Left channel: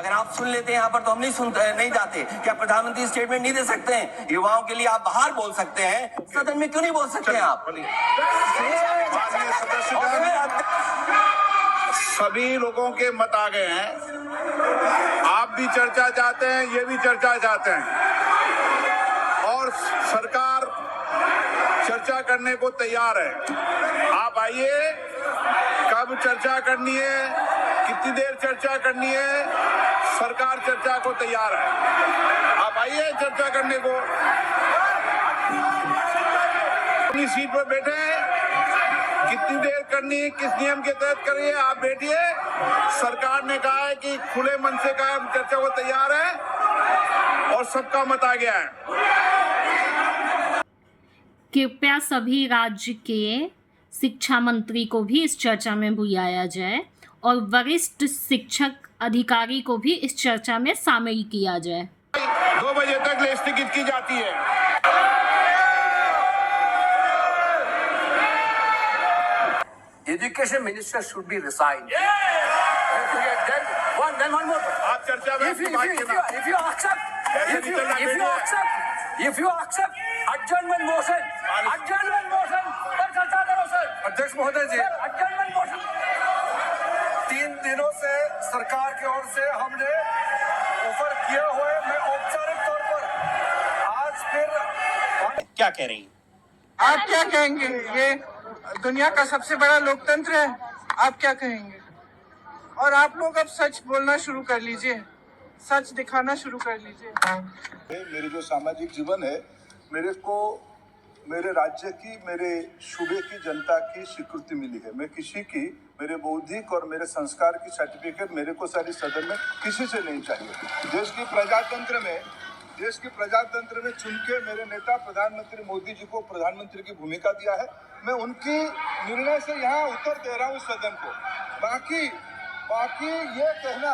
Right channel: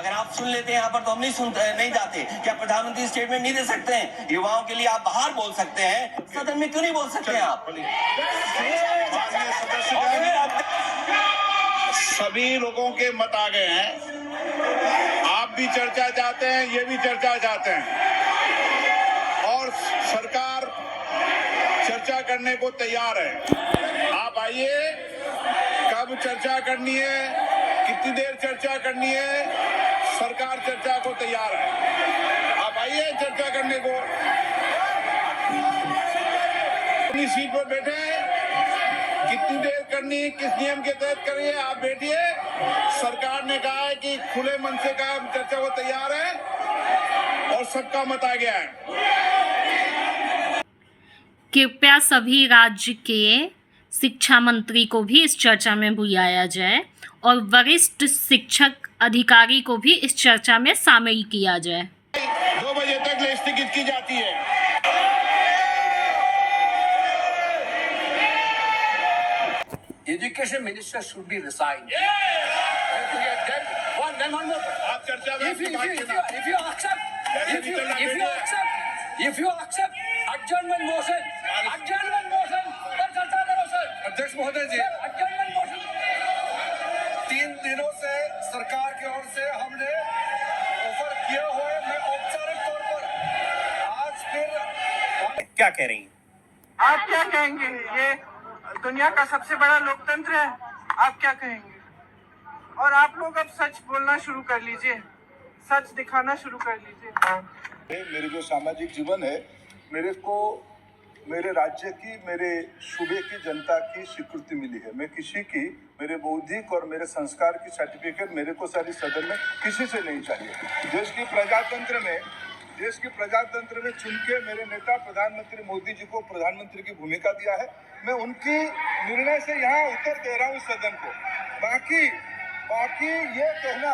अगर आप सुन लेते हैं यहाँ पर तो हम नहीं जाते। क्या प्रधानमंत्री स्टेटमेंट नहीं दे सकते हैं? युवाओं के लिए आप बाहर बोल सकते हैं, सदन में क्यों नहीं बोल सकते हैं आप? सभी लोगों के मत आ गए हैं। आप भी चर्चा चाहते हैं, ये भी चर्चा चाहते हैं और सरकार चर्चा करने को तैयार है। आप आइए, कब चर्चा करनी है, कितनी देर चर्चा करनी है, सरकार चर्चा को तैयार है। आप आइए चर्चा करने को, अपनी सीट पर बैठे हैं, कितनी देर करनी, किस नियम के तहत करिए, आप बैठिए। सरकार ने कहा है कि खुले मन से कहा चर्चा को तैयार है और सबका मत आ गया है। कृपया सभी राज्य के शिक्षा मंत्री को भी इस चर्चा में बुलाया जाए और वरिष्ठ शिक्षक अधिकारी को भी इस चर्चा में शामिल किया जाए। 2 बजे तक स्थगित की जाती है। Education minister should be resigned. Then one more. आप चर्चा में If you accept adjournment motion पर चर्चा करो सर। अध्यक्ष महोदय जी, adjournment motion 3 दिनों से सरकार की ओर से हमने ऑफर किए हुए, मैं औपचारिक तौर पर आज फिर क्या कह रही हैं? आप क्या कहेंगे? ये दुनिया का सबसे बड़ा लोकतंत्र है, आप क्या कहेंगे? और आप लोग अब सच बोलना शुरू कर लीजिए, सच दिखाना शुरू कर लीजिए। मेरे जो सामाजिक जीवन है, मेरे को मेरे राज्य की, मेरे सूबे की जनता की स्वीकृति मिली है। मैं किसी की, मेरे बौद्धिक और मेरे संस्कार की सर्टिफिकेट मेरे को सारी सदन में किसी से नहीं चाहिए। देश की प्रजातंत्र में चुन के मेरे नेता प्रधानमंत्री मोदी जी को प्रधानमंत्री की भूमिका दिया है। मैं उनकी निर्णय से यहाँ उत्तर दे रहा हूँ सदन को। बाकी ये कहना